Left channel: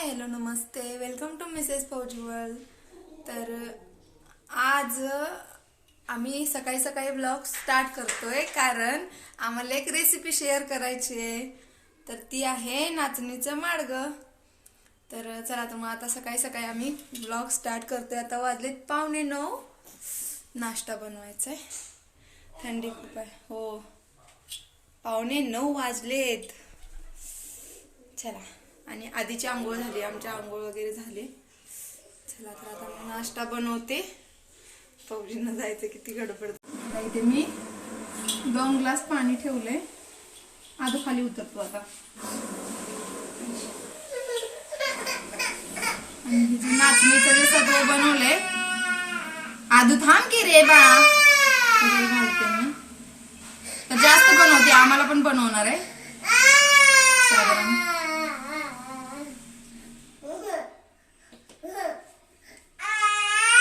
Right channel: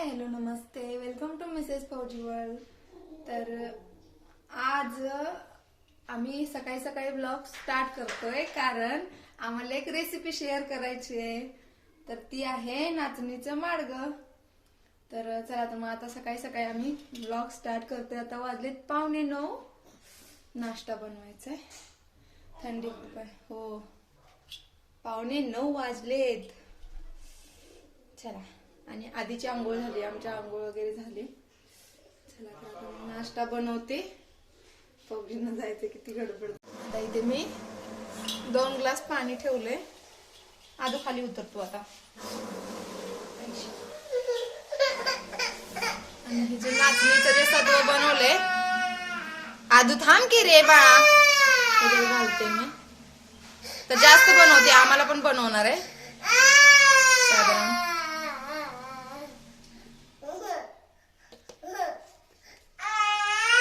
हाय hello नमस्ते. Welcome to Mrs Fauji तर आज आम्ही सकाळी सकाळी ब्लॉग स्टार्ट करतोय कारण आम्हाला एक रेसिपी शेअर करायची आहे. तर ती आहे नाचणीचं मार्ग तर चला तर मग आता सकाळी सकाळी आम्ही ब्लॉग स्टार्ट करतोय. आता वाजलेत पावणे नऊ. नाश्ता बनवायचा आहे थंडी खूप आहे. हो. पावणे नऊ वाजलेत. चला. आणि आधीची आंघोळ झाली आमच्या आंघोळ वगैरे झाली. चला तर आता मी नाश्ता बनवते. फौजींना जायचं किती गडबड. आता इथे मी दोन ग्लास पाणी ठेवलंय. आधो खाली उतरतो आता. आणि जे नाचणीचं जे बनवलंय आधू थांब की रे बाळा घालते मी. तर जास्त बनवते आम्हाला पण बनवणार आहे साधारण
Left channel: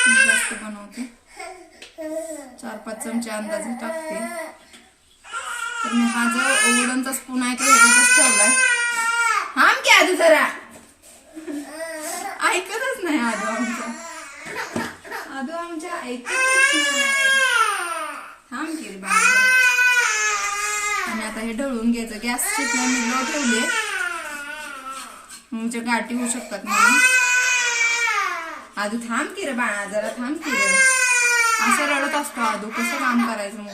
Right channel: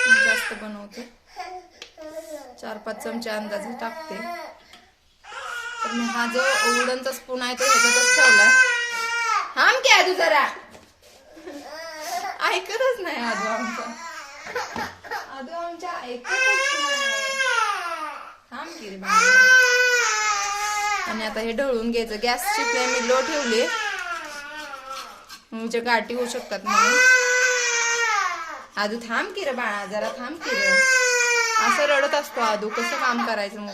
मी जास्त बनवते चार पाच चमचे अंदाजे टाकते. तर मी हा जो उडनचा स्पून आहे तो ह्याच्यातच ठेवला. थांब की आजू जरा. ऐकतच नाही आजू आमचा. आजू आमच्या ऐकतच नाही. थांब की आणि आता हे ढळून घ्यायचं. गॅसची फ्लेम मी लो ठेवली म्हणजे गाठी होऊ शकतात म्हणून. आजू थांब की रे बाळा जरा थांब की रे. असं रडत असतो आधू कसं काम करायचं मग.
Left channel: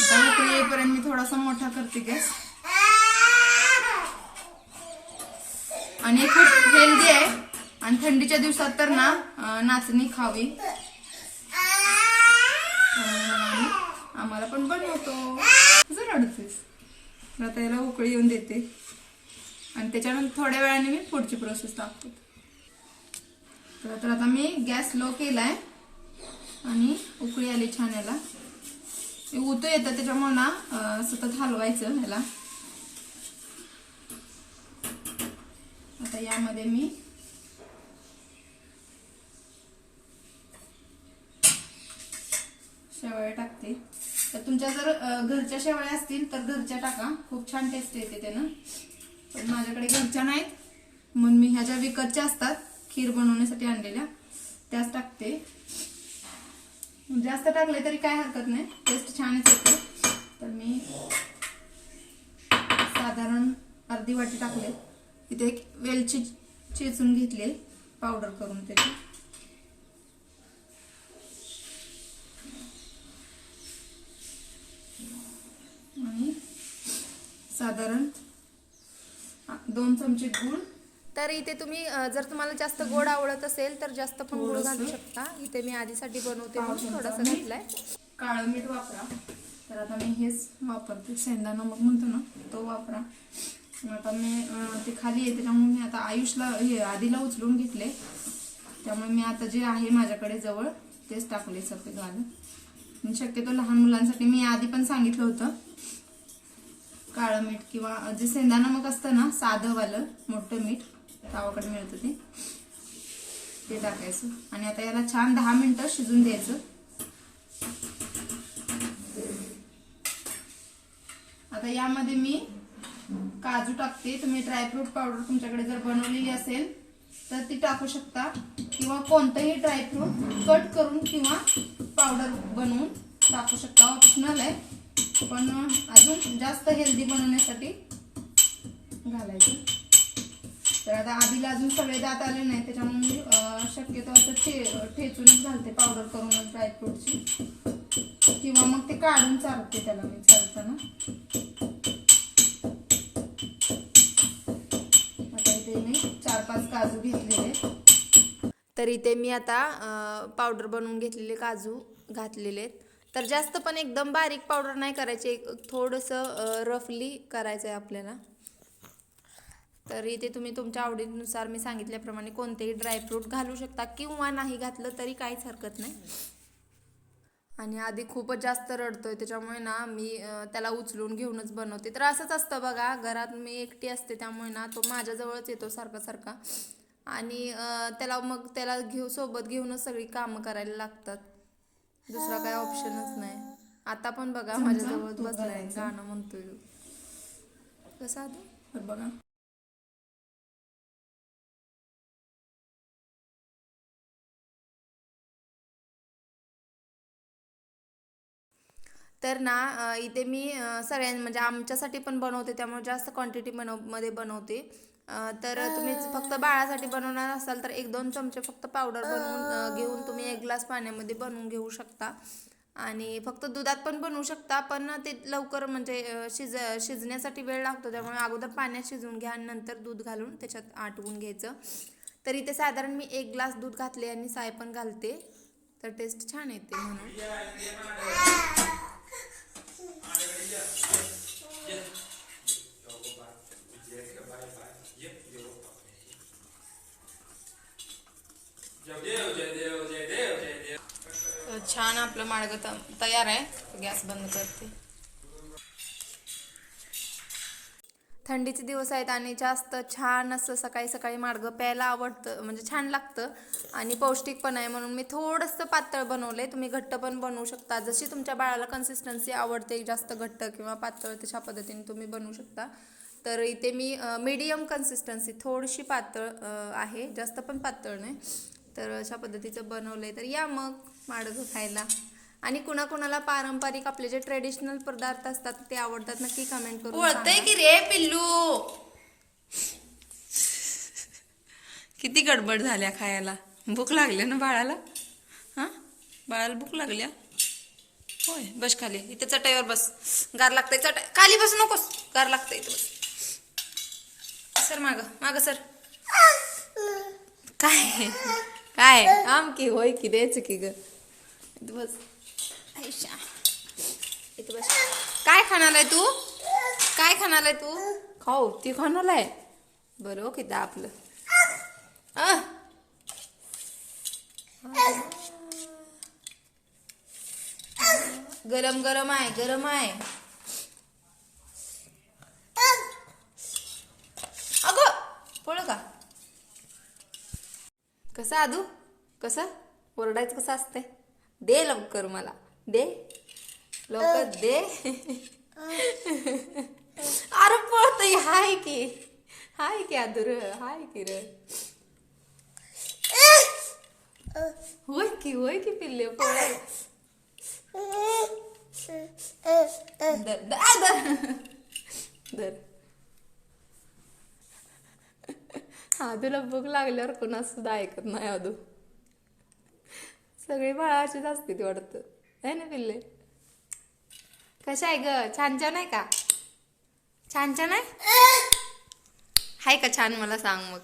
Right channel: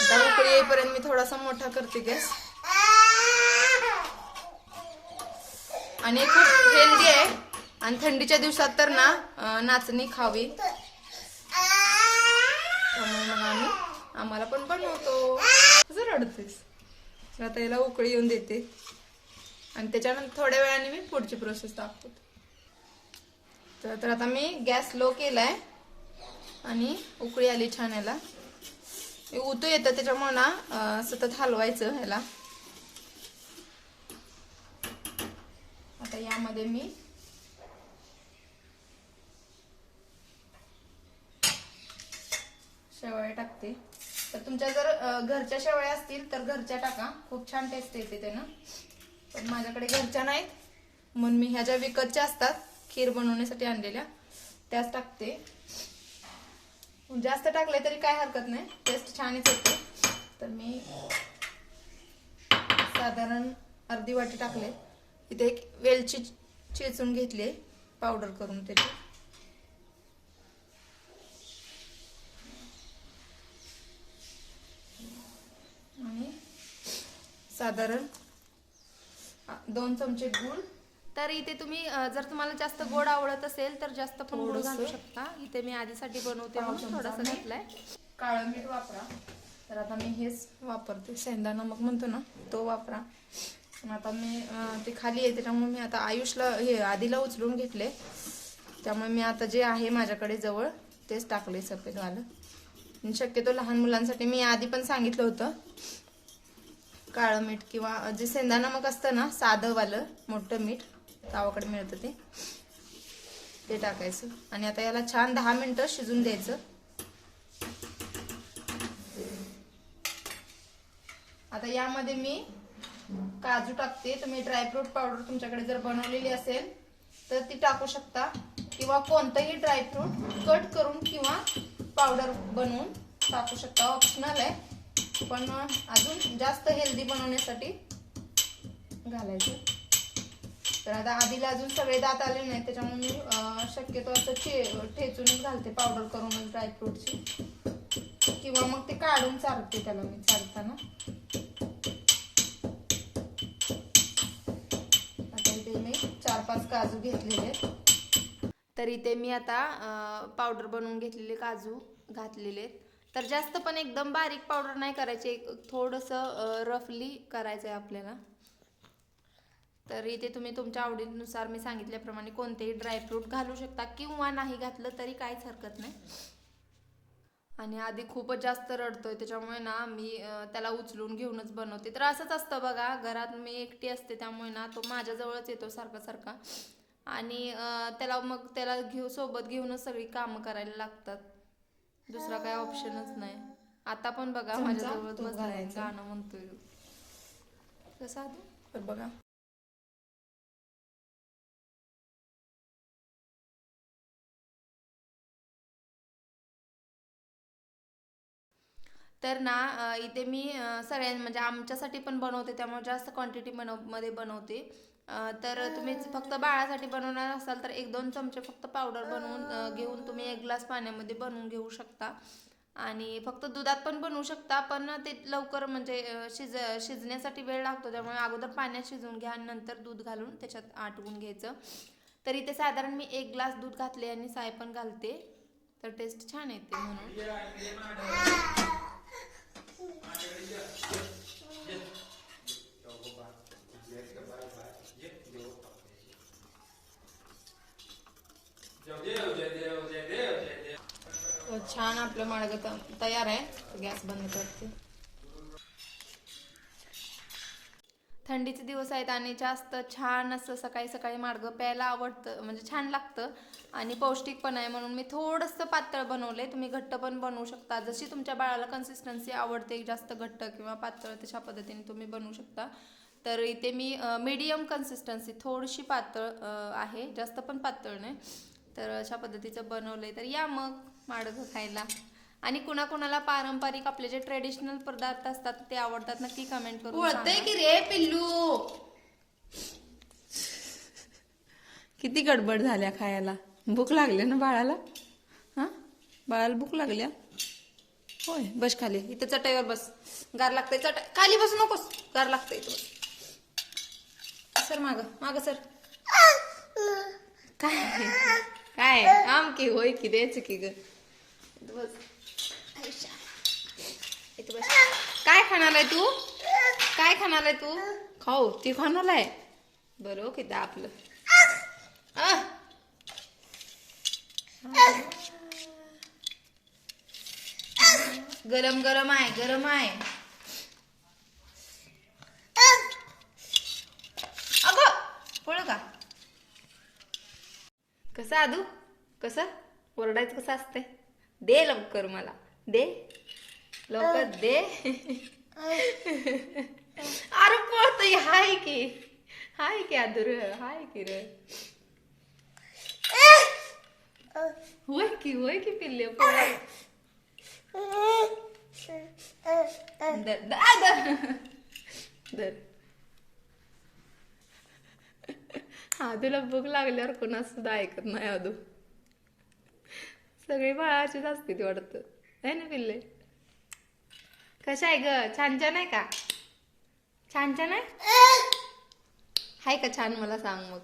आता उकळी येईपर्यंत मी थोडासा मोठा करते गॅस. आणि खूप हेल्दी आहे. आणि थंडीच्या दिवसात तर ना नाचणी खावी. आम्हाला पण बनवतो. कसं रडतेस. आता याला उकळी येऊन देते. आणि त्याच्यानंतर थोड्या वेळाने मी पुढची प्रोसेस दाखवते. तर तर आता मी गॅस लो केलाय आणि उकळी आली छान याला उतू येतं त्याच्यामुळे ना सतत हलवायचं ह्याला. आता यामध्ये मी शेवया टाकते. तर तुमच्या जर घरच्या शेवाळ्या असतील तर घरच्या टाका. खूप छान टेस्ट येते त्यानं. पण माझ्याकडे घरच्या नाहीत. म्हणून मी ह्या ज्या विकतच्या असतात खीर बनवण्यासाठी आणलेल्या. त्याच टाकते. जास्त टाकले तरी काय हरकत नाही. टेस्ट छानच येते. तर मी साधारण अर्धी वाटी टाकले. इथे एक वेलची चेचून घेतले पावडर करून त्याची. आणि साधारण दोन चमचे गूळ तर इथे तुम्ही जर तुम्हाला जास्त गोड आवडत असेल तर जास्त पण गुळ घालू शकता. इथे मी आधीसाठी बनवते म्हणून थोडासा घातलाय. काळं मीठ वापरा. तर आता मी हेच वापरते. शेंदाणा मग म्हणतो ना तो वापरा. आता मी ते खाली आहे त्याच्यामुळे मी आता आयुषला हे आधीला उचलून घेतले. त्यामुळे मी आता जे आहे माझ्याकडे जवळ तेच टाकले सफेद वालं. शक्यतो लहान मुलांसाठी मी आधी पण सांगितलं होतं. काळं मीठ किंवा जे शेंदाणा मग असतं ना साधं वालं मोठं मीठ गावाकडे मिळतं ते. ते टाकायचं. आणि आता याला छान दहा मिनिटं शिजून द्यायचं. आता यामध्ये मी काजू टाकते. तुम्ही ड्रायफ्रूट पावडर तुमच्याकडे जर बनवलेली असेल तर ती टाकू शकता. किंवा कोणतंही ड्रायफ्रूट कट करून किंवा पावडर बनवून टाकू शकता. ऑप्शनल आहे. पण अजून जास्त हेल्दी बनवण्यासाठी घालायचं. तर आता आधीला अजून सगळे दात आले नाही त्याच्यामुळे मी शक्यतो असं चे ठेचूनच घालते पावडर करूनच ड्रायफ्रूटची किंवा मग ते काढून चालते त्याला मी चालताना आता इथे मी चार पाच काजू घेतलेले. तर इथे मी आता पावडर बनवून घेतलेले काजू घातलेले आहेत तर जास्त पण एकदम बारीक पावडर नाही करायचे एक थोडंसं रफली करायचं आहे आपल्याला. तर इथे तुम्ही तुमच्या आवडीनुसार मी सांगितल्याप्रमाणे कोणतेही ड्रायफ्रूट घालू शकता किंवा नाही घातलं तरी काहीच हरकत नाही. आणि आधी खूपच जास्त रडतोय त्याच्यामुळे ना मी त्याला उचलून घेऊनच बनवते. तर असंच असतं बघा घरात मी एकटी असते त्यामुळे ना तो माझ्याजवळच येतो सारखा सारखा. आणि त्याला मग त्याला घेऊ सोबत घेऊनच सगळी कामं करायला लागतात. दुसरा काही ऑप्शनच नाही. आता पण बघा माझ्याजवळ बसलाय गाणं म्हणतोय. कसं आता? बघा. तर ना इथे मी अं, सगळ्यां म्हणजे आमच्यासाठी पण बनवते त्यामुळे जास्त क्वांटिटी बनवमध्ये बनवते. तर तुम्ही फक्त बाळासाठी बनवणार असाल तर एक दोन चमचे फक्त पावडर बनवून घेऊन तुम्ही एक ग्लास पाण्यामध्ये बनवून घेऊ शकता. आणि फक्त दुधात पण बनवू शकता पण ते लवकर म्हणजे शिज शिजण्यासाठी वेळ लागतो त्यामुळे अगोदर पाण्यात शिजवून घ्या आणि नंतर दूध घालून त्याच्यात आटवून घ्यायचं. तर इथे साधारण मी एक ग्लास दूध घातले आणि साय पण घालते. तर टेस्ट छान येते म्हणून. छान आपलं माडगं त- तयार आहे. गॅस बंद करते. थंडीचे दिवस आहेत आणि जास्त छान असं सकाळी सकाळी माडगं प्यायला आवडतं म्हणजे छान लागतं. आणि पौष्टिक पण आहे म्हणून मी थोडंसं पातळ बनवलंय. तुम्ही घट्ट पण बनवू शकता. जशी तुमच्या बाळाला कन्सिस्टन्सी आवडते जास्त घट्ट किंवा पातळ तशा पद्धतीने तुम्ही बनवू शकता. तर इथे मी मीडियम कन्सिस्टन्सी थोडीशी पातळ आहे. जास्त पण पातळ नाही. तर अशा पद्धतीचं बनवलंय. तर या मग माडगं खायला. आणि कुणाकुणाला पारंपरिक आपले जे ट्रेडिशनल पदार्थ असतात ते आवडतात नक्की कमेंट करून वळतंय सांगा. की रे पिल्लू? किती गडबड झाल्या खायला. भूक लागली ना बाळाला? हां? बाळाला भूक लागल्या होय बस खाली. इथे चटाईवर बस. गार लागतंय चटाई. खाली बस नकोस. गार लागतंय इथं बस. सर माग माग सर. काय? काय? आम की होय की द्यायचं की ग. इथं बस. इथं बस. काय खाणार आहे तू? काय खाणार आहे तू? खाऊ. ती खाणार आहे. बरं ओके ते आपलं गरम गरम आहे गरम आहे. अगं पळ का? कसं आदू? कसं? ओरडायचं कसं असते दे लवकर मला. दे. लवकर दे. अरे पळत हाय की. हाय की आदूर हाय की र. होय की होय की पिल्ले पळ धर दर धर. आधूला आदूला भूक लागल्यावर कोणा सुद्धा ऐकत नाही आदू. सगळी बाळाचीच असते ती वाटतं. आहे ना पिल्ले? कशा आहे ग? छान छान आहे का? छान छान आहे? हाय का छान? मला सांग मग.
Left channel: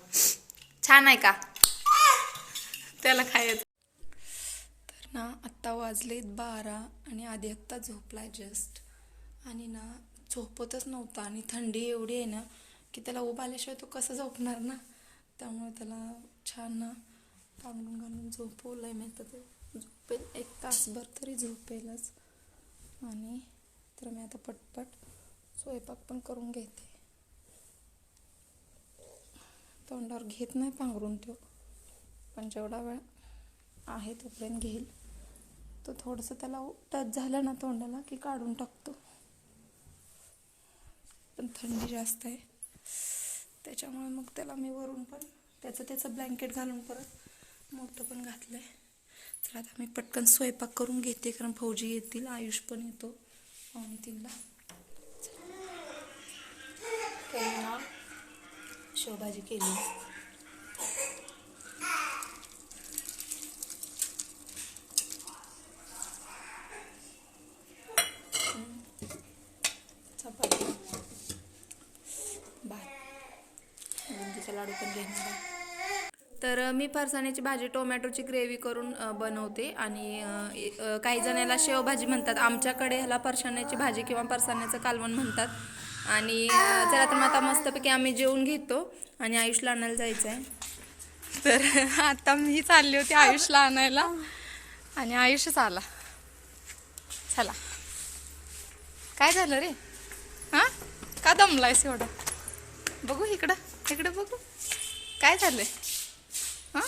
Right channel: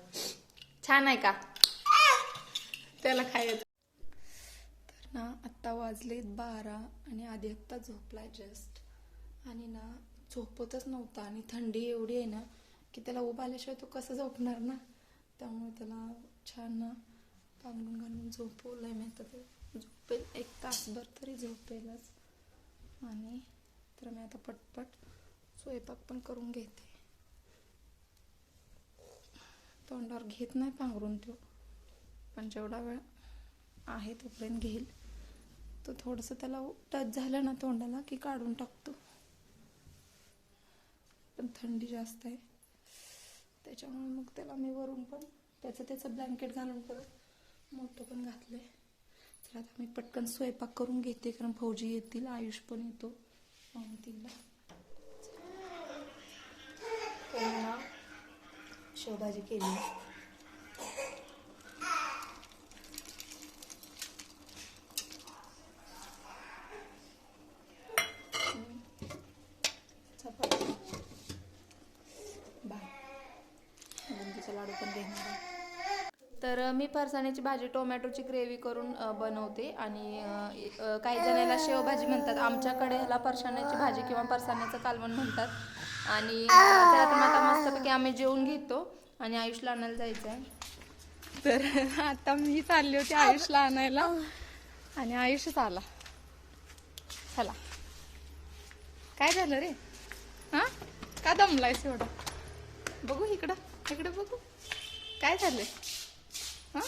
छान आहे का? त्याला खायचं. तर ना आत्ता वाजलेत बारा आणि आधी आत्ता झोपला जस्ट आणि ना झोपतच नव्हता आणि थंडी एवढी आहे ना की त्याला उभा आल्याशिवाय तो कसं झोपणार ना? त्यामुळे त्याला छान ना पांघरून घालून झोपवलंय मी आता ते. झोपेल एक तासभर तरी झोपेलच. आणि तर मी आता पटपट स्वयंपाक पण करून घेते. तोंडावर घेत नाही पांघरून तो. पण जेवढा वेळ आहे तोपर्यंत घेईल. तो थोडंसं त्याला टच झालं ना तोंडाला की काढून टाकतो. पण थंडी जास्त आहे. त्याच्यामुळे मग त्याला मी वरून पण त्याचं त्याचं ब्लँकेट घालून परत मोठं पण घातलं आहे तर आता मी पटकन स्वयंपाक करून घेते कारण फौजी येतील आयुष पण येतो. पाहून तिला. ना? शेवभाजी केली. मी फरसाण्याची भाजी टोमॅटोची ग्रेव्ही करून बनवते आणि काही जण याला शेवभाजी म्हणतात. आमच्याकडे ह्याला फरसाण्याची भाजी किंवा फरसाण्याचं कालवण म्हणतात. आणि चला तर मग आता मस्तपैकी आम्ही जेवून घेतो आणि आयुषला आणायला जायचं आहे तर आता मी चालली होती आयुषला आणायला. आणि आयुषच आला. चला. काय झालं रे? हां? का दमलायस एवढं? बघू इकडं. इकडं बघू. काय झालंय? हां?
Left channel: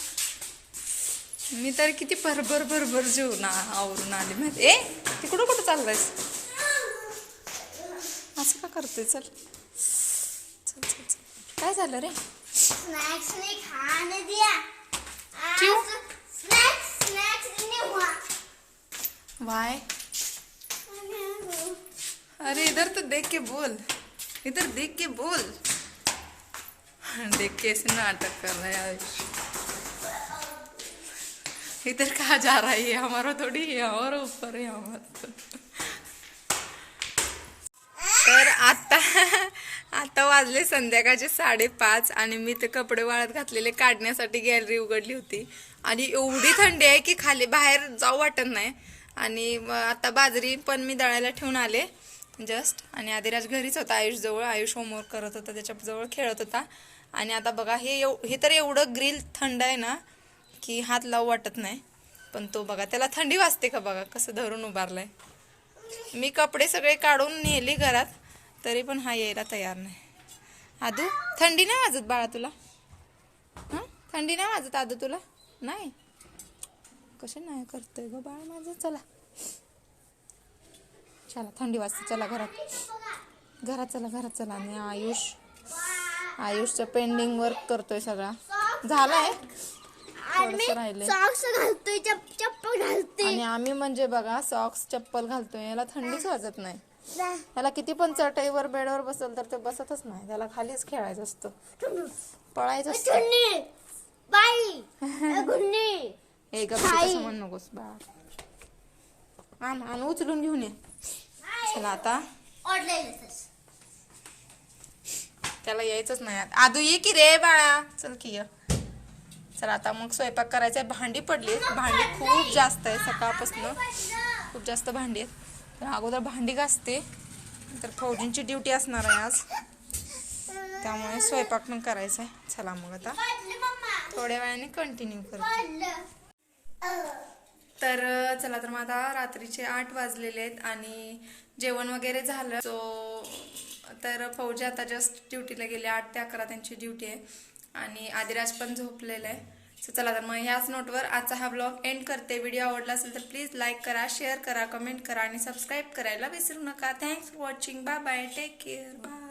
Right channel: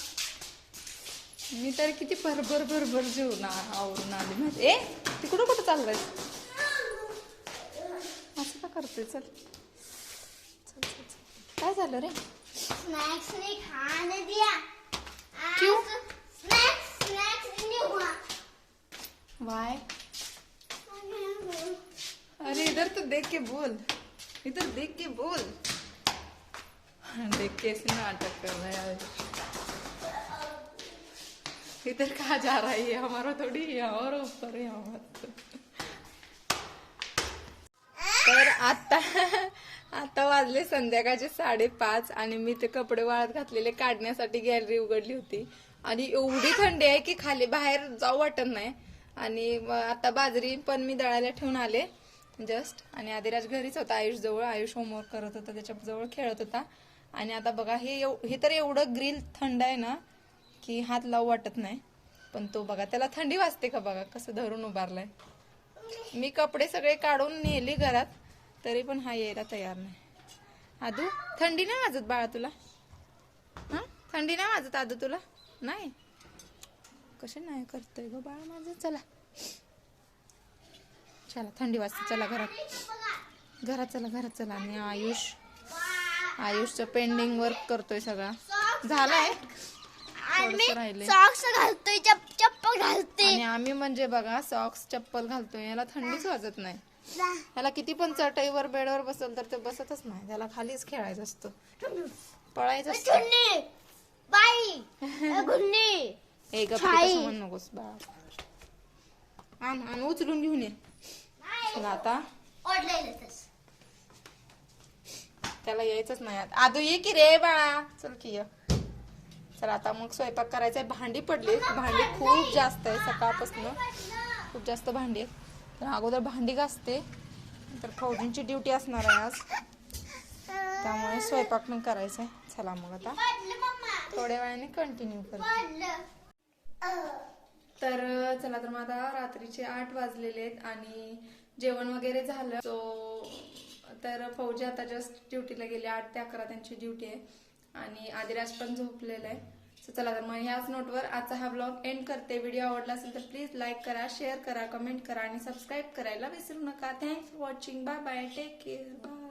मी तर किती भरभर भरभर जेवून आवरून आले माहिती. ए तिकडं कुठं चाललायस? असं का करतोय? चल. चल चल चल. काय झालं रे? स्नैक्स ने खाने दिया. आज क्यों? स्नैक्स स्नैक्स इन्हें हुआ वाय. अरे इधर तो देख के बोल. इधर देख के बोल. देख के ऐसे नाटक कर रहा है इधर कहा जा रहा है? ये हमारा थोड़ी है और ऊपर है हमारा तर आता आता वाजले संध्याकाळचे साडेपाच आणि मी ते कपडे वाळत घातलेले काढण्यासाठी गॅलरी उघडली होती. आणि एवढी थंडी आहे की खाली बाहेर जाऊ वाटत नाही. आणि आता बाजरी पण मी दळायला ठेवून आले जस्ट आणि आदिराज घरीच होता आयुष जवळ. आयुष होमवर्क करत होता त्याच्याजवळ खेळत होता. आणि आता बघा हे एव हे तर एवढं ग्रिल थंड आहे ना की हात लावू वाटत नाही. पण तो बघा त्याला थंडी वाजते का बघा? कसं धरून उभारलाय. मी कपडे सगळे काढून नेले घरात तरी पण हा यायला तयार नाही. आदू थंडी नाही वाजत बाळा तुला? हां? थंडी नाही वाजत आदू तुला? नाही. कसे नाही करतोय ग बाळा माझं? चला. चला थंडी वाजते चला घरात. घरात चला घरात चला. आणि आयुष आयुषचं पेंडिंग वर्क करतोय सगळा. झालाय. थोडंसं सॉक्स घालतोय चप चप्पल घालतोय. आणि आम्ही म्हणजे बघा सॉक्स चप्पल घालतोय. याला थंडीच वाजत नाही. त्याला किती पण चटईवर बेडवर बसल तर ते बसतच नाही. त्याला खालीच खेळायचं असतं. पळायचं असतं. बाई ए गप्प नकोस आण आण उचलून घेऊन ये. चला आता. त्याला यायचंच नाही. आदू ये की रे बाळा. चल की ये. चला आता मग स्वयंपाक करायचा आहे. भांडी पडली भांडी खूप जास्त आहे सकाळपासून. खूप जास्त भांडी आहेत. तर अगोदर भांडी घासते. तर फौजींची ड्युटी असणार आहे आज. त्यामुळे स्वयंपाक पण करायचा आहे. चला मग आता. थोड्या वेळाने कंटिन्यू करते. तर चला तर मग आता रात्रीचे आठ वाजलेले आहेत आणि जेवण वगैरे झालं. सो तर फौजी आता जस्ट ड्युटीला गेले. आठ ते अकरा त्यांची ड्युटी आहे. आणि आदिराज पण झोपलेला आहे. सो चला तर मग ह्याच नोटवर आजचा हा ब्लॉग एंड करते. व्हिडिओ आवडला असेल तर प्लीज लाईक करा शेअर करा कमेंट करा आणि सबस्क्राईब करायला विसरू नका. Thanks for watching bye bye take care bye